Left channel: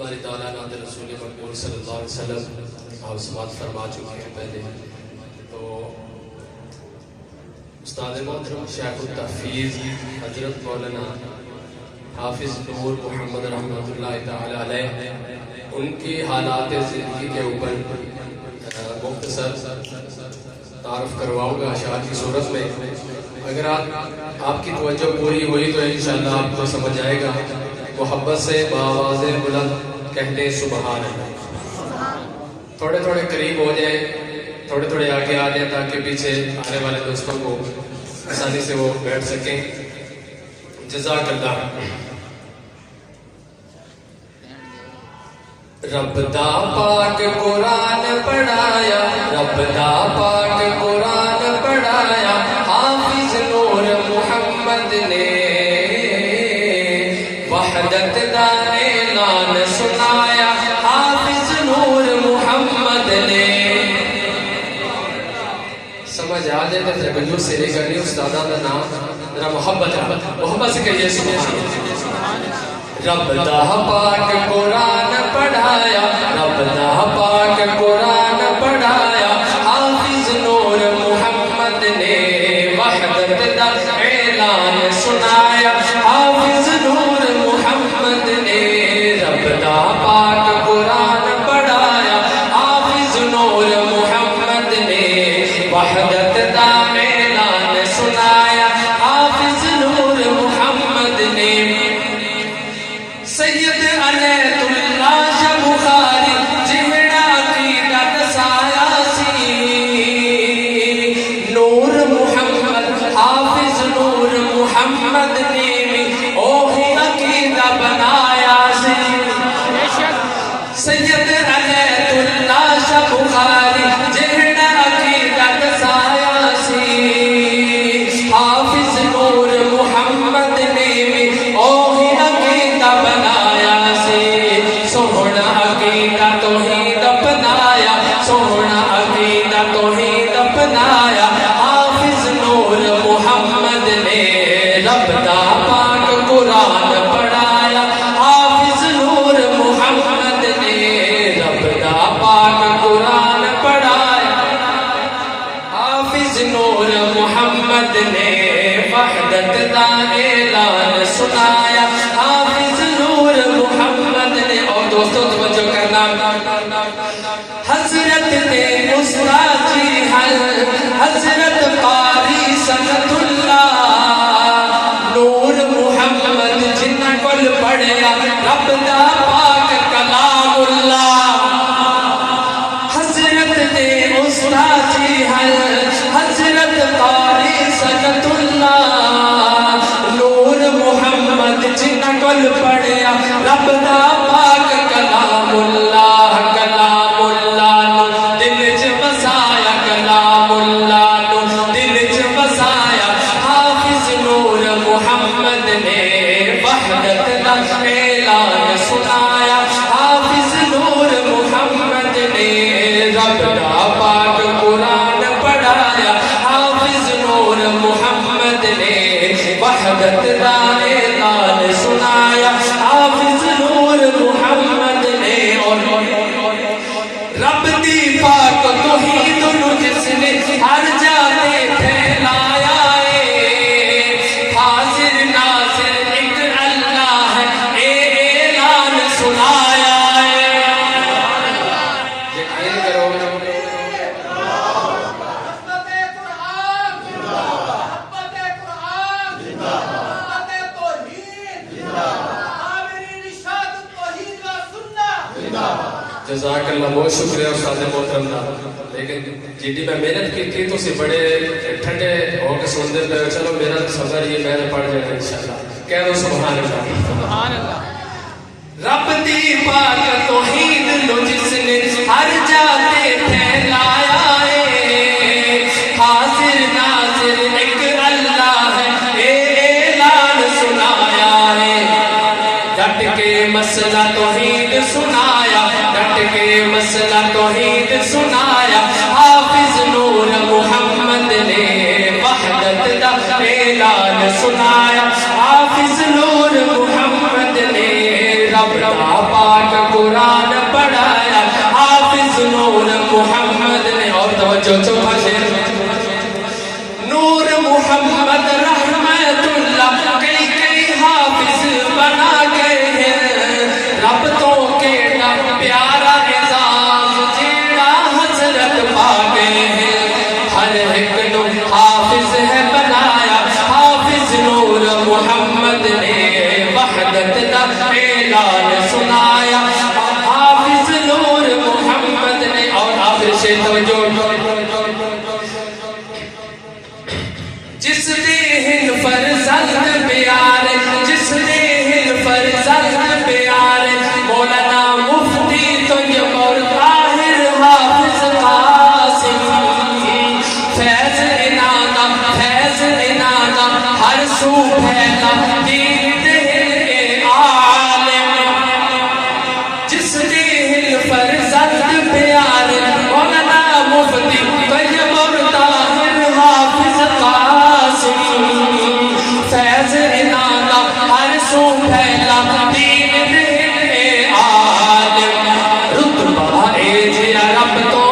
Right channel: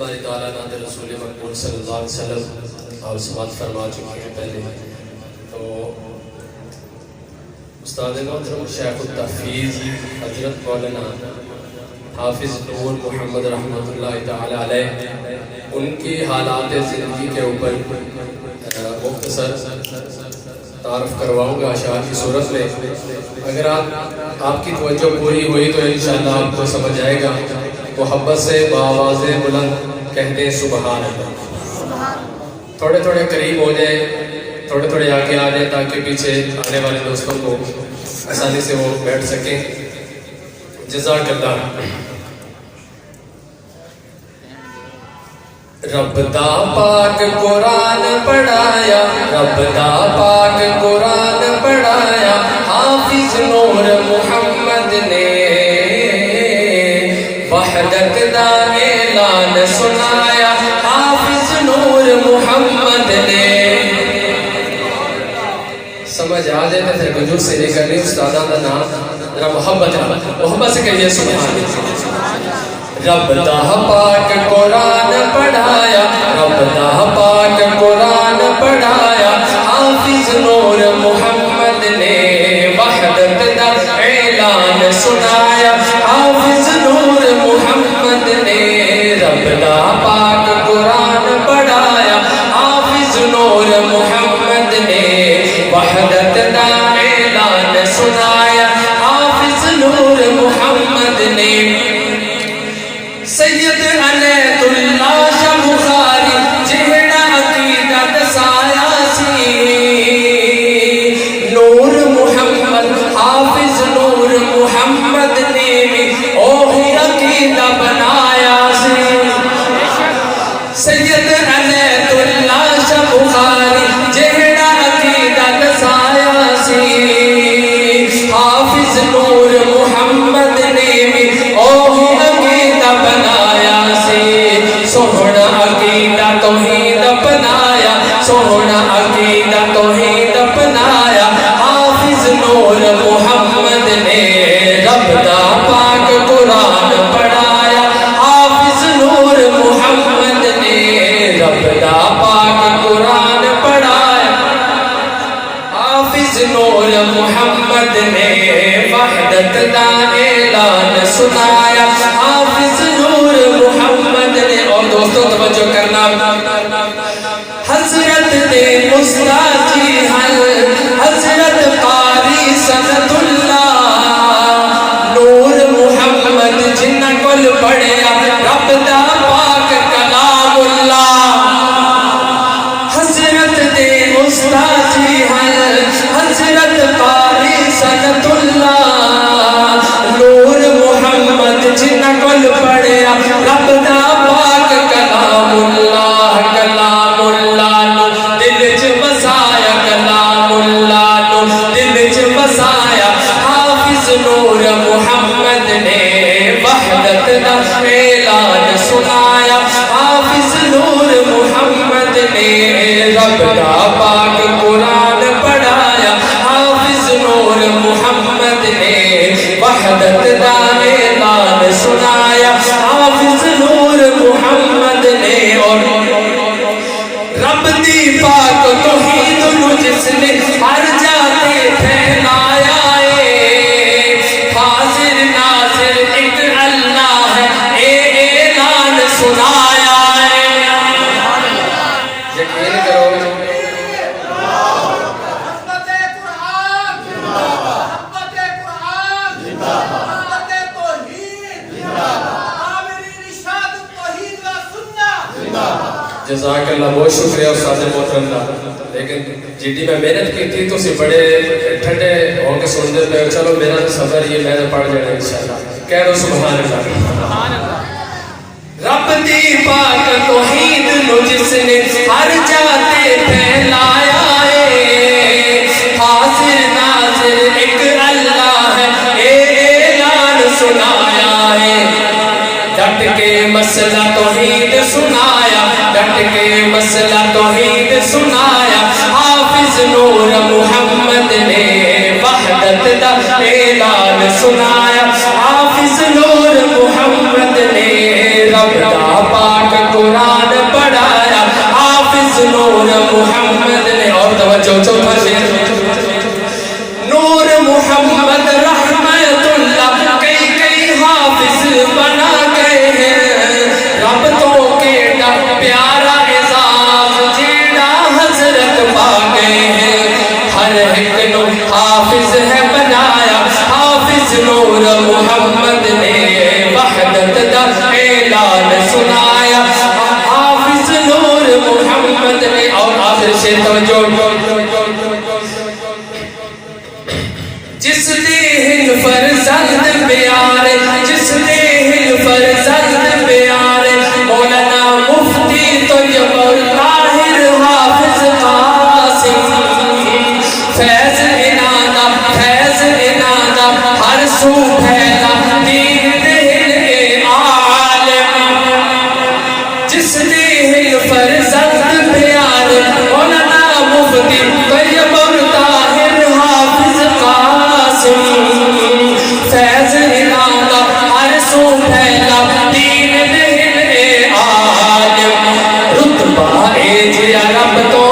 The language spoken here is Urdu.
باری تعالیٰ ناد رسول مقبول صلی اللہ علیہ وسلم اور سماعت فرما چکے ہیں پہلے. تو استاد محترم شیخ التحفیظ حضرت مولانا حافظ نور محمد رحمۃ اللہ تعالی علیہ، ان کی حالات زندگی کے اوپر مختصر تعارف کرواؤں گا اشعار کی صورت میں. اگر آپ کی توجہ پوری ہوئی تو انشاءاللہ آپ کو سمجھ آئے گا. محبت سے بآواز بلند کہتے ہیں سبحان اللہ. تھوڑے تھوڑے قریب ہو جائیں، تھوڑے تھوڑے آگے آ جائیں تاکہ پیچھے آنے والے دوستوں کو آسانی سے وہ بیٹھ سکیں. جزاک اللہ. رب دا پاک قرآن پڑھایا، رب دا پاک قرآن پڑھایا حافظ نور محمد نے، وحدت دا اعلان سنایا حافظ نور محمد نے. سمجھ آ جائے تو پھر کنجور سے لے کر استادان کا نام ذرا محبت سے کہیے سبحان اللہ. رب دا پاک قرآن پڑھایا، رب دا پاک قرآن پڑھایا حافظ نور محمد نے، وحدت دا اعلان سنایا حافظ نور محمد نے. رب دا پاک قرآن پڑھایا حافظ نور محمد نے، وحدت دا اعلان سنایا حافظ نور محمد نے. سید عنایت اللہ شاہ بخاری جہڑا عقیدت سایا سی، نور محمد حافظ نور محمد نے اوہی عقیدہ بنایا سی. سید عنایت اللہ شاہ بخاری جہڑا عقیدت سایا سی، حافظ نور محمد نے اوہی عقیدہ بنایا سی. سونا عقیدہ توحید اپنایا، سونا عقیدہ توحید اپنایا حافظ نور محمد نے. رب دا پاک قرآن پڑھایا حافظ نور محمد نے، رب دا پاک قرآن پڑھایا حافظ نور محمد نے، وحدت دا اعلان سنایا حافظ نور محمد نے. اور دوستوں توجہ کرنا، حضرت دے استاد جی حضرت قاری سند اللہ نور محمد جنہ کل پڑھیا رب دا پاک کلام اللہ. حضرت دے استاد جی حضرت قاری سند اللہ نور محمد جنہ کل پڑھیا رب دا پاک کلام اللہ. کلام اللہ نو دل چ بسایا، کلام اللہ نو دل چ بسایا حافظ نور محمد نے، وحدت دا اعلان سنایا حافظ نور محمد نے. رب دا پاک قرآن پڑھایا حافظ نور محمد نے، وحدت دا اعلان سنایا حافظ نور محمد نے. اور رب دی پاک توحید نو جس نے ہر جاتے پھیلایا ہے، حاضر ناظر ایک اللہ ہے اے اعلان سنایا ہے. یقین کرو جزاک اللہ. بہت شکریہ استاد محترم کا. لیکن جی میں محنت کی تھی تو اسے بڑے ٹھنڈے ہو کے سنتے پہ. چلو میرا سفر یہ میں نے پڑھ جانا انشاءاللہ. کہہ دو سبحان اللہ. رب دی پاک توحید نو جس نے ہر جاتے پھیلایا ہے، حاضر ناظر ایک اللہ ہے اے اعلان سنایا ہے. ڈٹ کے مسئلہ توحید سنایا، ڈٹ کے مسئلہ توحید سنایا حافظ نور محمد نے، وحدت دا اعلان سنایا حافظ نور محمد نے. رب دا پاک چوتھا شعر نور محمد رحمتullah کئی کئی حافظ بنا گئے ہیں رب تو کیڑا پیارا اعزاز جیڑا حضرت پا گئے ہیں ہر ایک نو حافظ ہے بنایا حافظ نور محمد نے وحدت دا اعلان سنایا حافظ نور محمد نے اور آخر سے توجہ جس نے ہن فرزند پیارے جس نے ہن فرزند پیارے مولانا مفتی طیب الطاہر حافظ قاسم فیض انانا ہر سو پھیلا دین دل عالم جس نے ہن فرزند پیارے مولانا مفتی طیب الطاہر حافظ قاسم فیض انانا ہر سو پھیلا دین دل عالم رتبہ اے جیا رب تو